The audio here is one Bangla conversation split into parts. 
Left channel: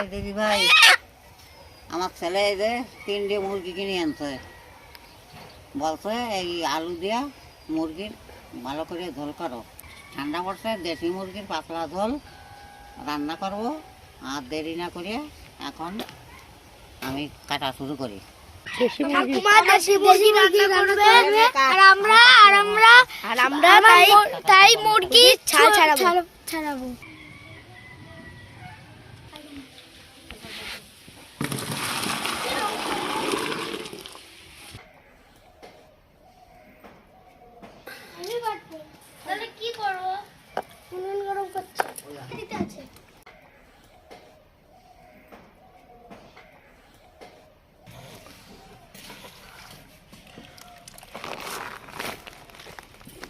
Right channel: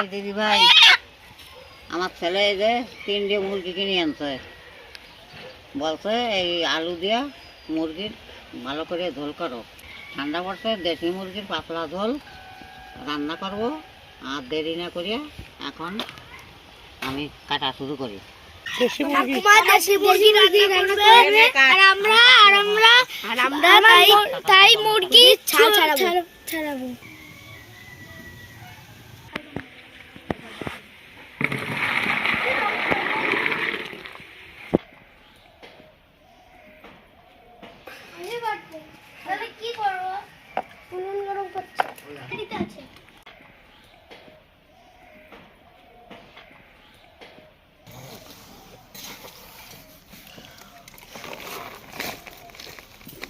ভাই দিদি ভাই, আমার ছেলে এই যে 3টে মুরগি কিনে আনছে। বলছে এই আলু দিয়া মুরগির ভালো করে ঝোল করো। ঠান্ডা পড়ছে, দেশি মুরগির পাতলা ঝোল রান্না করব। আর দেরি না করিয়া এখন আমি কাটা শুরু করি। তাই মুরগি ছাড়াবো। কি করবো? উনুন গরম করছে।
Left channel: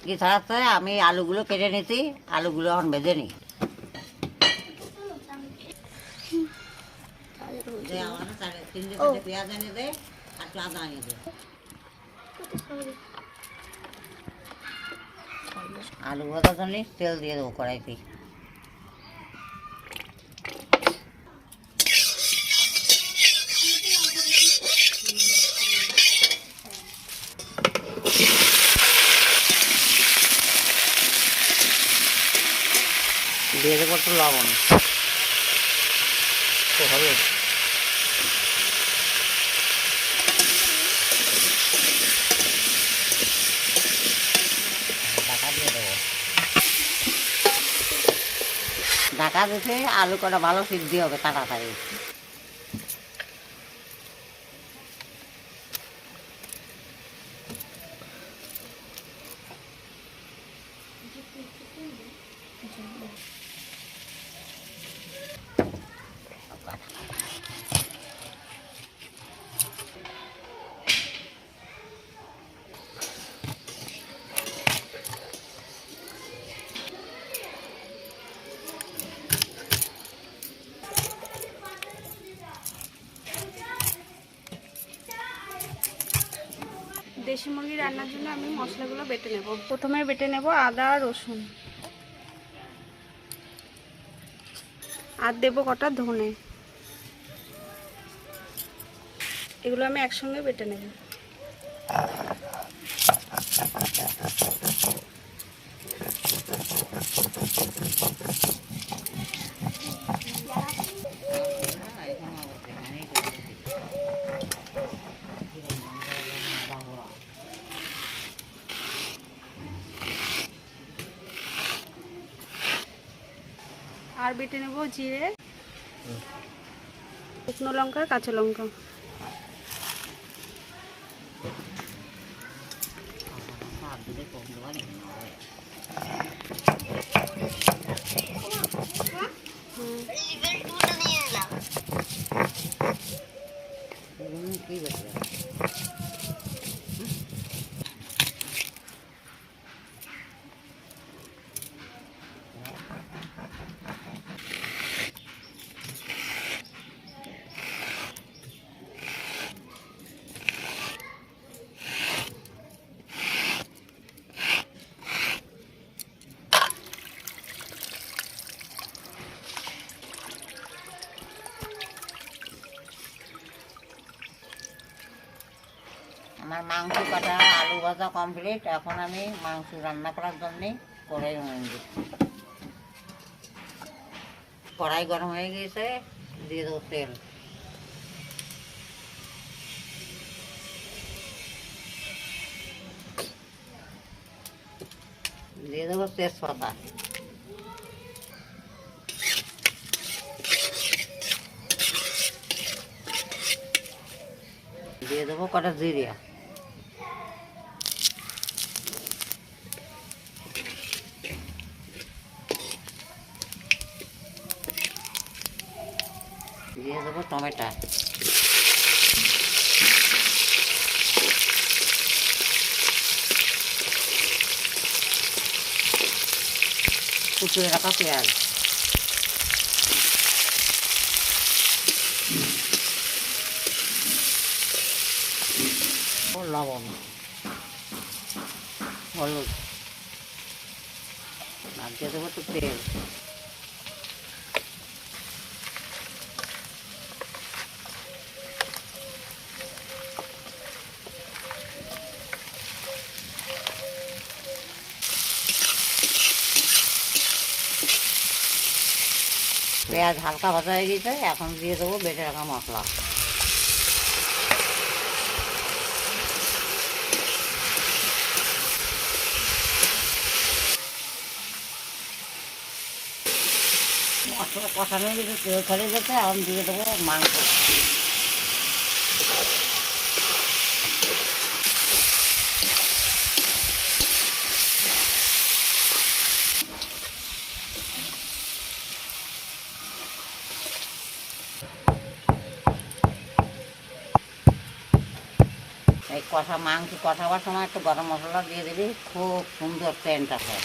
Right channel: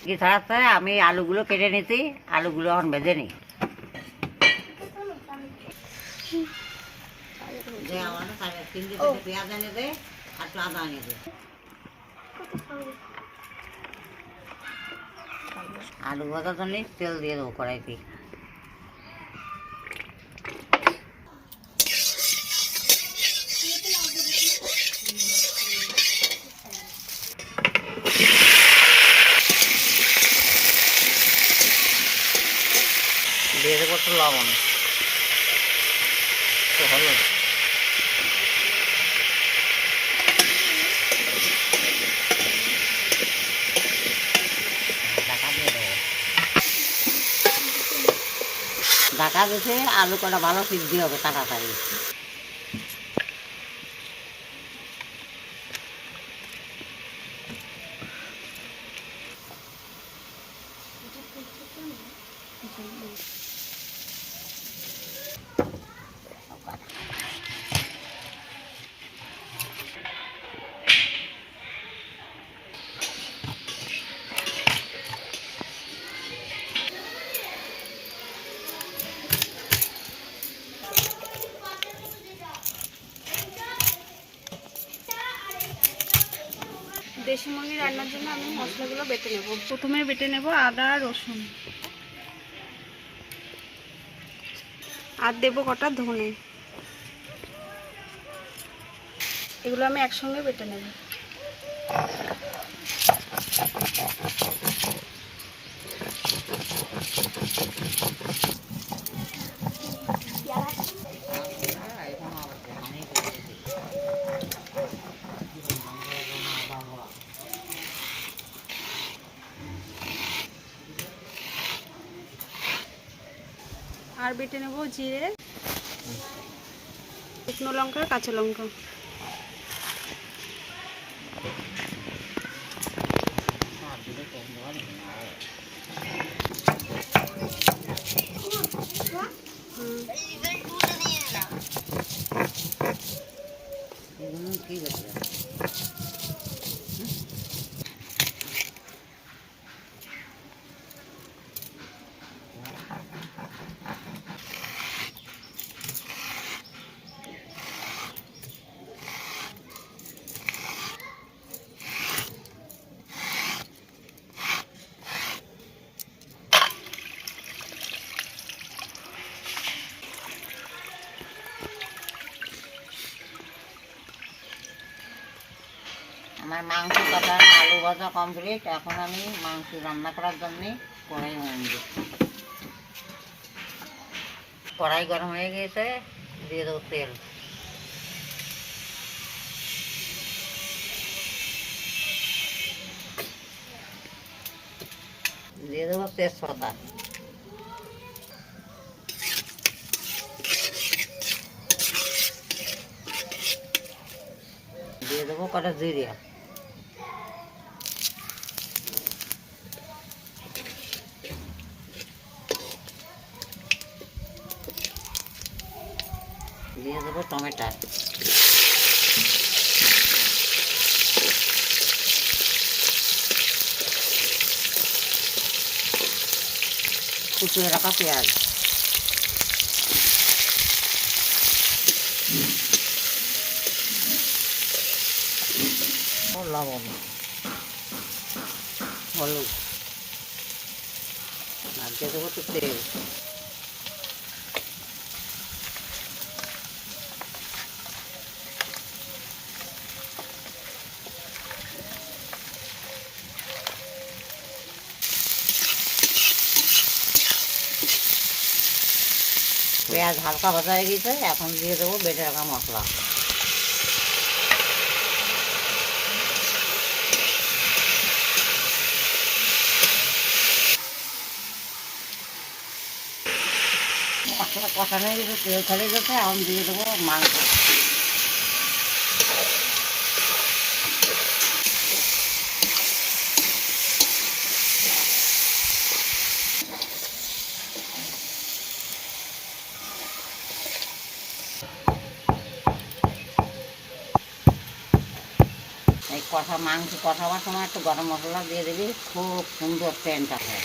কি ছাড়াচ্ছে, আমি আলুগুলো কেটে নিছি, আলুগুলো এখন ভেজে নিই। পেঁয়াজ এনে দে আর একটু আদা এনে দে। আলু ভাজার জন্য তেল দিয়ে দেবো কড়াইতে। দিয়ে দেবো একটু লবণ, হলুদ, ঢাকা দিতে আলু কটা ভালো সিদ্ধি হবে তাড়াতাড়ি। দেশি মুরগি রান্নার জন্য আমি মশলাগুলো বেটে নেব। প্রথমে বেটে নেব আদা রসুন, আর দেবো কটা ধনে। এগুলো আমি একসঙ্গে বেটে নেব। আর বেটে নেব জিরে, শুকনো লঙ্কা, কাঁচা লঙ্কা। কি বেশি আমার মাংস কাটা আলু ভাজা কমপ্লিট। এখন আমি মাংস রান্না করার জন্যে কড়াই দিচ্ছি। কড়াই গরম হয়ে গেছে, দিয়ে দেবো তেল। দিয়ে দেবো তেজপাতা, দিয়ে দেবো কটা জিরে, দিয়ে দেবো টমেটো, কুচিয়ে রাখা পেঁয়াজ, লবণ, হলুদ, আর দিয়ে দেবো একটু তেল। পেঁয়াজ হালকা ভাজা হয়ে গেছে, এখন দিয়ে দেবো বেটে রাখা মশলা। মশলা কষানো হয়ে গেছে, তেল ছেড়ে গেছে, এখন দিয়ে দেবো মাংস। এই মাংস কষাবার সময় একটু গরম মশলা দিয়ে দিবি, খুব সুন্দর সেন্ট আছে।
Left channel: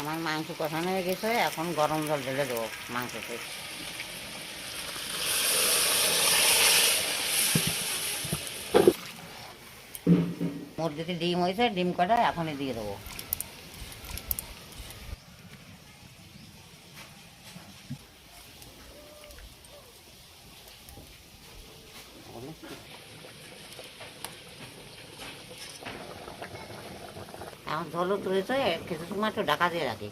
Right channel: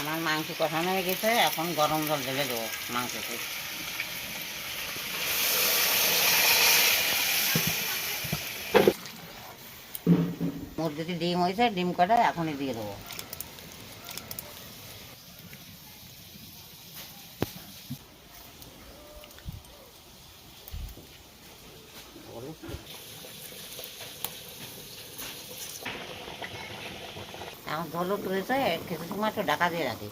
আমার মাংস কষানো হয়ে গেছে, এখন গরম জল ঢেলে দেবো মাংসতে। মুরগিতে ডিম হয়েছে, ডিম কটা এখনই দিয়ে দেবো। এখন ঝোলও তুলেছে, কিছু সময় একটু ঢাকা দিয়ে রাখি।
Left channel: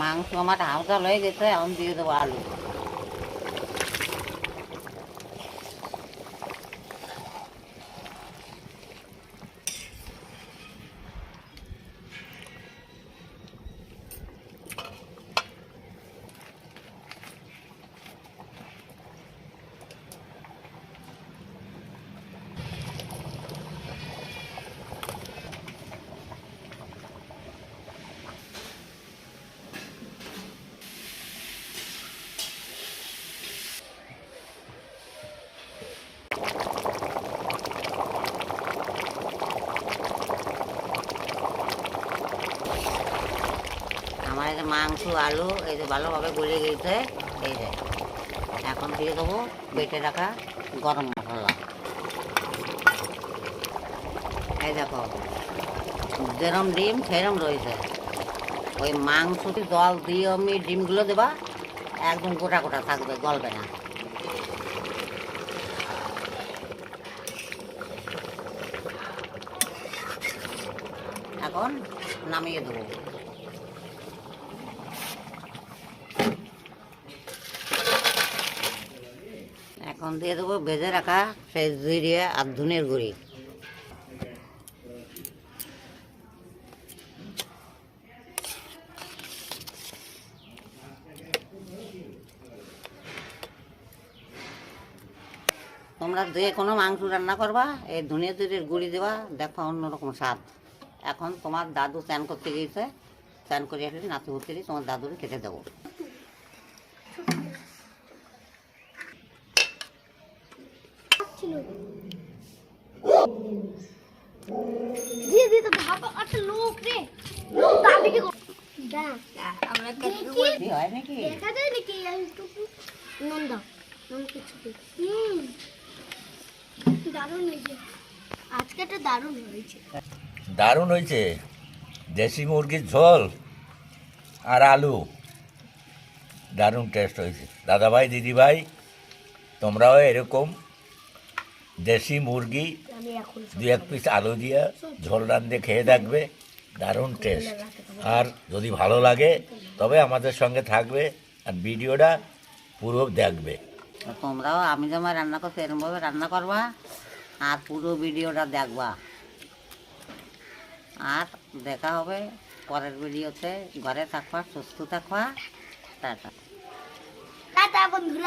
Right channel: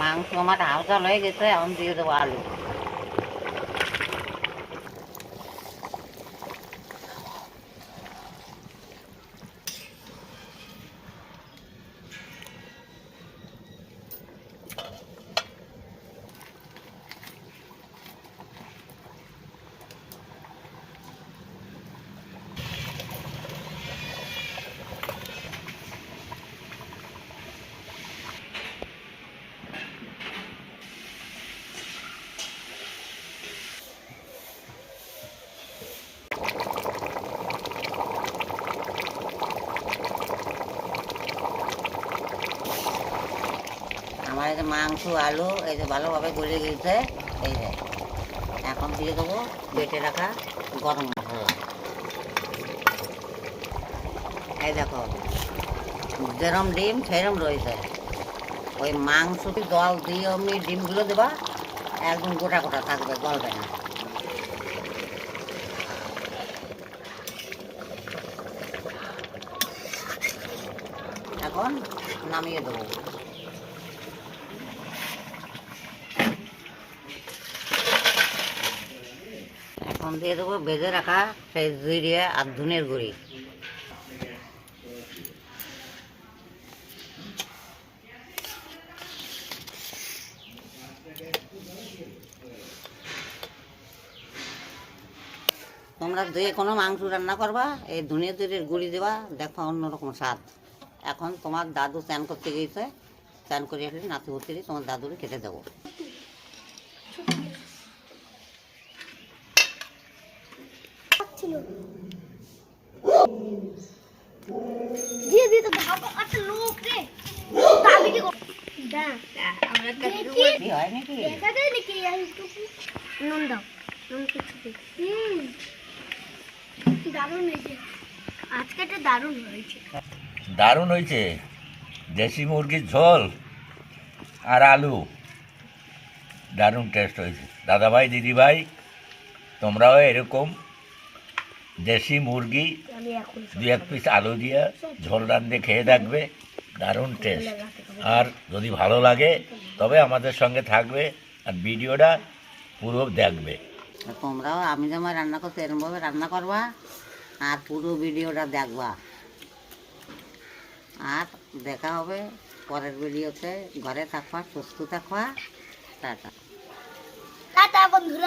মাংস আমার হালকা হয়ে গেছে, এখন দিয়ে দেবো আলু। আমার এই যে মাংস আলু এই যে ভালোভাবে গলে গেছে, এই যে এখন দিয়ে দেবো বেটে রাখা গরম মশলা। এই দেখো যেরম ডিম সেরম রয়েছে। ওই মাংসটি জল দিয়ে অমনি ডিমগুলো দেবা, একদম গোটা গোটা থাকবে, গলবে না। এখন নামিয়ে দেবো। এখন দিয়ে দেবো ভেজে রাখা সেই জিরে আর ধনের গুঁড়ি। তোমরা যে কোনো মাংস রান্না করবা, এই ধনে জিরের গুঁড়ি দেবা, দেখো অন্যরকম স্বাদ। এখন তোমার দাদু স্নান করতে গিয়েছে, স্নান করে আসলে নাতি ভর্তি তোমার দাদুরে খেতে দেবো। দিয়ে দিয়ে তো ভাবা একটা লোক রে, লোক দাবিটি কর আমরা কি হয় নাকি? দেখা যায় নাকি একটু নুন দাও, নুন কিছু দারুণ হয়েছে আজকে, একটা দারুণ হয়েছে। দারুণ হয়েছে। দেশি মুরগির ঝোল আর আলু, দারুণ টেস্ট হয়েছে। দাদাভাই দিদিভাই, তোমরাও এরকম দেশি মুরগি আমি এখন 2-1 পিস আলু দিয়ে ঝোল রান্ধে খেয়ে দেখবে, দারুণ টেস্ট। আর যদি ভালো লাগে তবে আমাদের সঙ্গে থাকবে আর ভিডিওটা পুরো দেখবে। তোমরাও আমি যেমন রান্না করছি এরকমভাবে রান্না করবা আর পুরো ভিডিওটা দেখবা। আর দেখা হবে পরের ভিডিওতে। ঘরে থাকবা, সুস্থ থাকবা, টাটা। টাটা বন্ধুরা।